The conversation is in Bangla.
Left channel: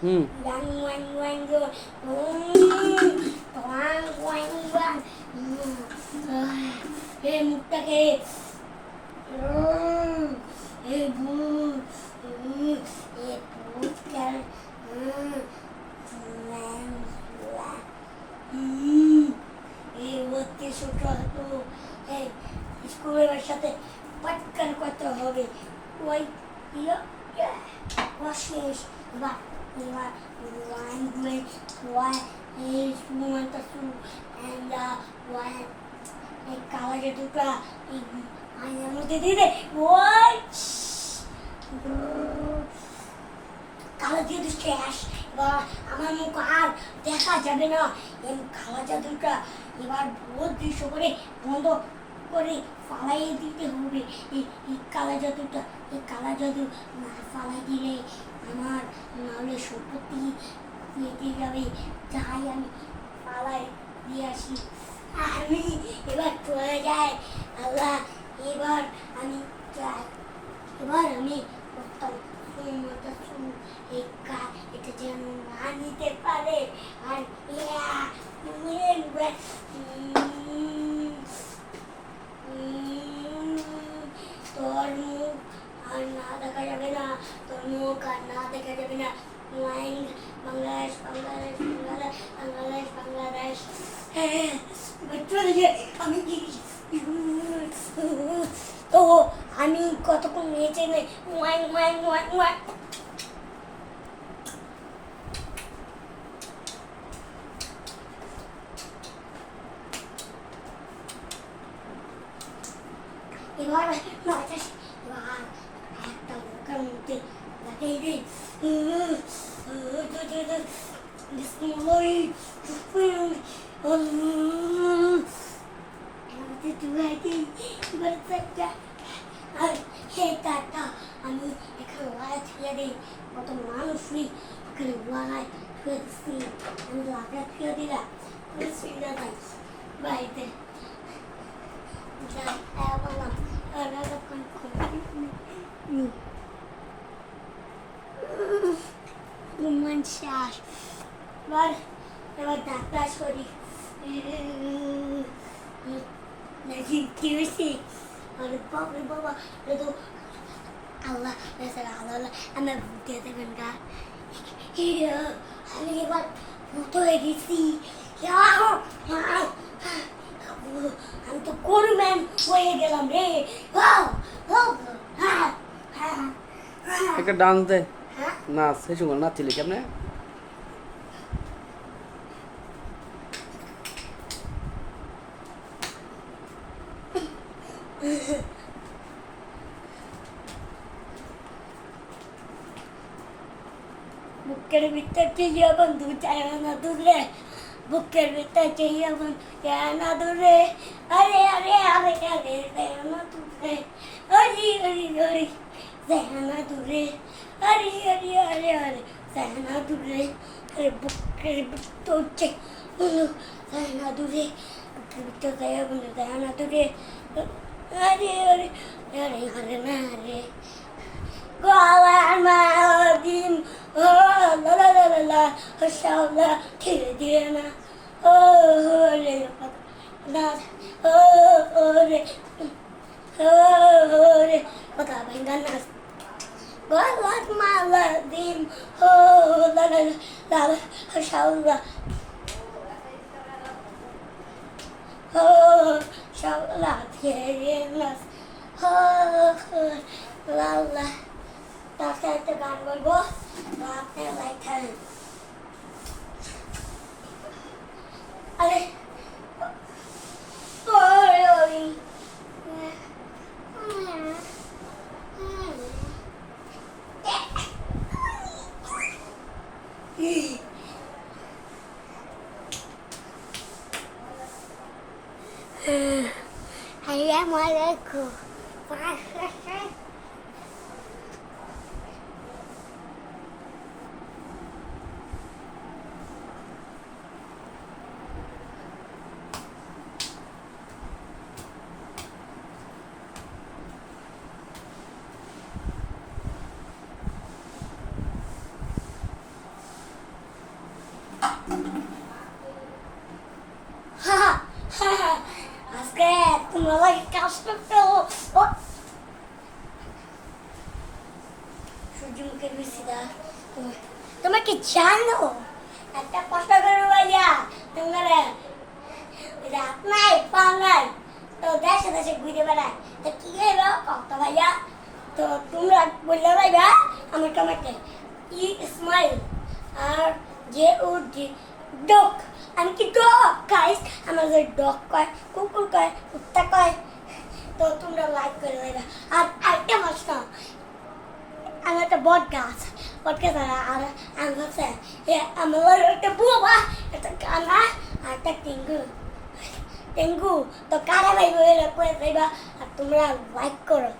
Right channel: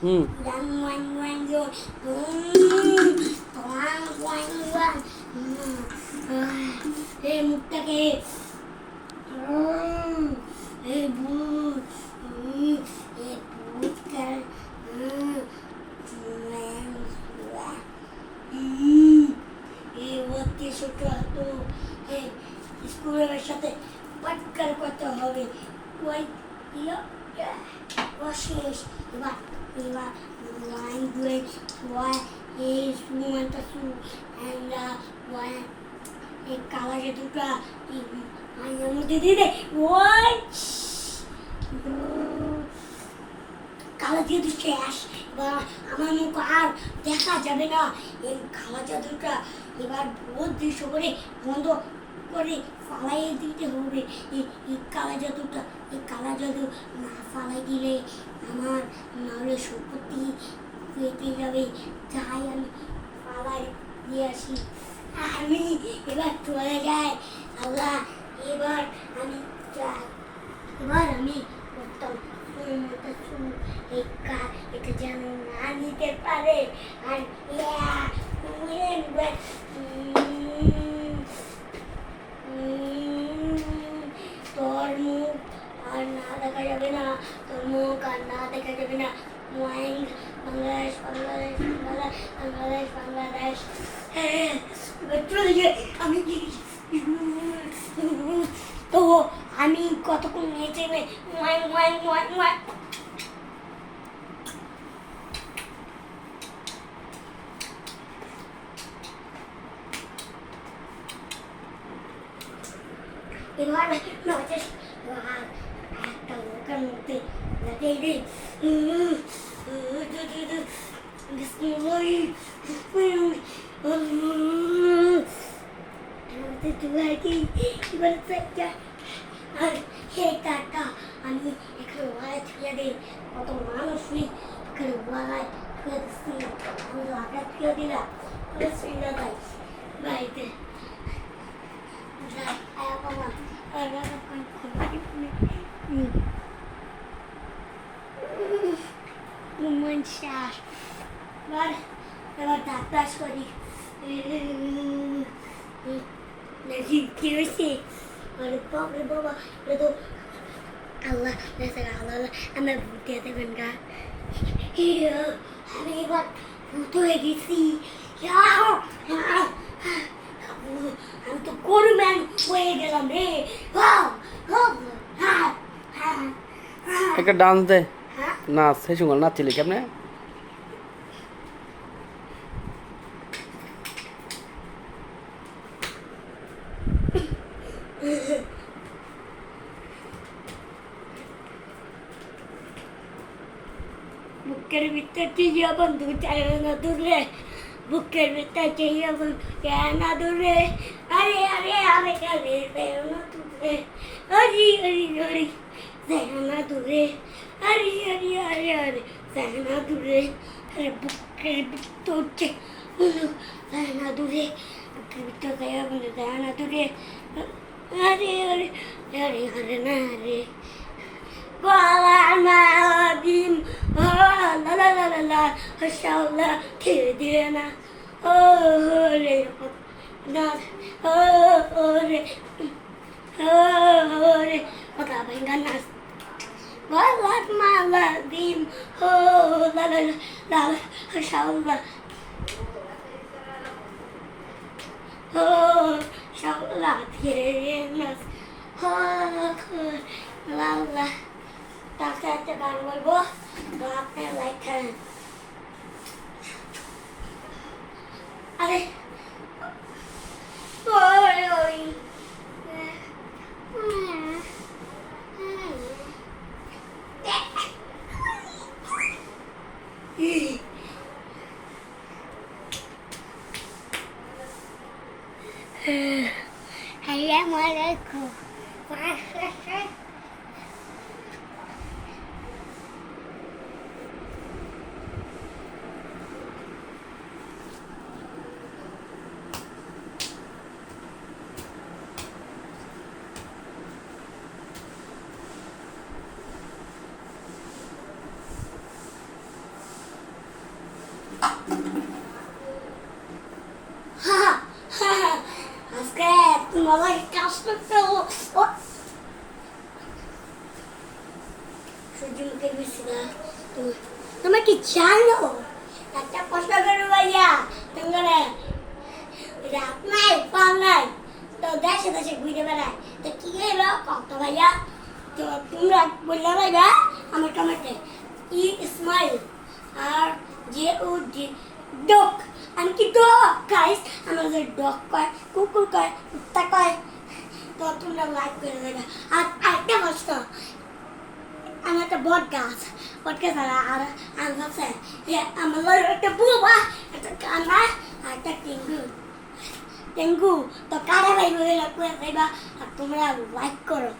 হুম। এই মুখটাকে এই ভূত এই ভূতকার এই অতি ছোট তো এই স্কুলের সাথে পাটকার করতে হবে ওই শেষ এবার এবার লাইন ধরে ওয়াই এই সুমন্ত সু অ্যান্ড ওয়াই এই কালা যে দুটা এই আইনের মধ্যে দিয়ে দে ওই কালা জাদু শেষ এবার আমার মুখ আর দেখা যাবে না এই কালা জাদুটা এবার বহুত দৃশ্য করে বন্ধ করে ফালাই দিতে হবে এই কালা জাদুটা এই কালা জাদু না ফালাই দিলে আমার নাহলে সম্পত্তি পেতে যাবে তাই আমি ফালাই দিয়ে আসি আমি এবার চলে যাই আল্লাহ এবার আমি যাই এবার আমি করতাম এটা যেন না নিতে পারে আর তোর মুখ আর না দেখা যাবে না তোর মুখ আর না দেখা যাবে না বাংলাদেশ বাংলাদেশ বাংলাদেশ বাংলাদেশ বাংলাদেশ চলে যাই আমি তো আমি কতক্ষণ নেচে নে ওয়াই ওয়াই ওয়াই ওয়াই এবার নাচে এবার একটা লোকের মধ্যে লাগাই দিই আমাদের দুয়াইকে এবার আর সেই তারটা আমি এখানে লাগাই ফেলে দিই কত মানুষ নেই এখানে লাগাই ফেলে দিচ্ছি আমি লাগাই ফেলে দিলাম ফেলে যাই বাড়িতে যাই বললাম শেষ এবার দাঁত ব্রাশ করি কি হয়েছে আরে বাবা বাবা এটা তো আল্লাহ আল্লাহ আমার বুদ্ধি দেবেন গা আমি এবার ভূত হয়ে গেছি আমি তো গরু ম্যান হয়ে গেলাম রে একটা ডান্স দে নাচ সেই সঙ্গে নাচছিলি কেমনে বুকের ভিতর চিড়িয়া বন্ধু চায় না দূরে বুকের ভিতর চিড়িয়া বন্ধু চায় না দূরে আরে আরে আরে আরে যায় না দূরে হরি হরি হরি যায় না দূরে আরে আরে আরে আরে যায় না দূরে বুকের ভিতর যায় না দূরে বুকের ভিতর যায় বন্ধু যায় না দূরে আরে আরে আরে আরে না রে Gualamadin, oh la la la la la, Hashala Tidina, oh re, not oh re, Patabanganas. Gualamadin, oh la la la la, Hashala, oh Shala Tidina, oh la la. তাকে একটা গান বলবো আপনি লাইক করেন আরে ওই ওই Assalamualaikum. আজকে তোমাদের কাজটা সূর্যমুখীর বিছিদা তোমরা কি জানো একটা প্রশ্ন করে ভাইয়া তোমরা রাত নাই পা নাই তো দেশে দেশে ঘুরে বেড়ায় তো কি হইলো কত ভাইয়া তো তোমরা বললে ভাইয়া আমার কমেন্টে ই ইসমাইল আর যে ও ডক আমি কি ডক গাইস আমাদের ডক কয় কুকুর কয় কুত্তা কয় তো তোমরা লাইক করে দেবে আর একটা প্রশ্ন আমার একটা বট গাছ আর আমি ভাবছি আমার একটা বুবা একটা কানা আর একটা টেঙ্গু তো কারা ভাই করে যাইবা আর তোমরা লাইক করো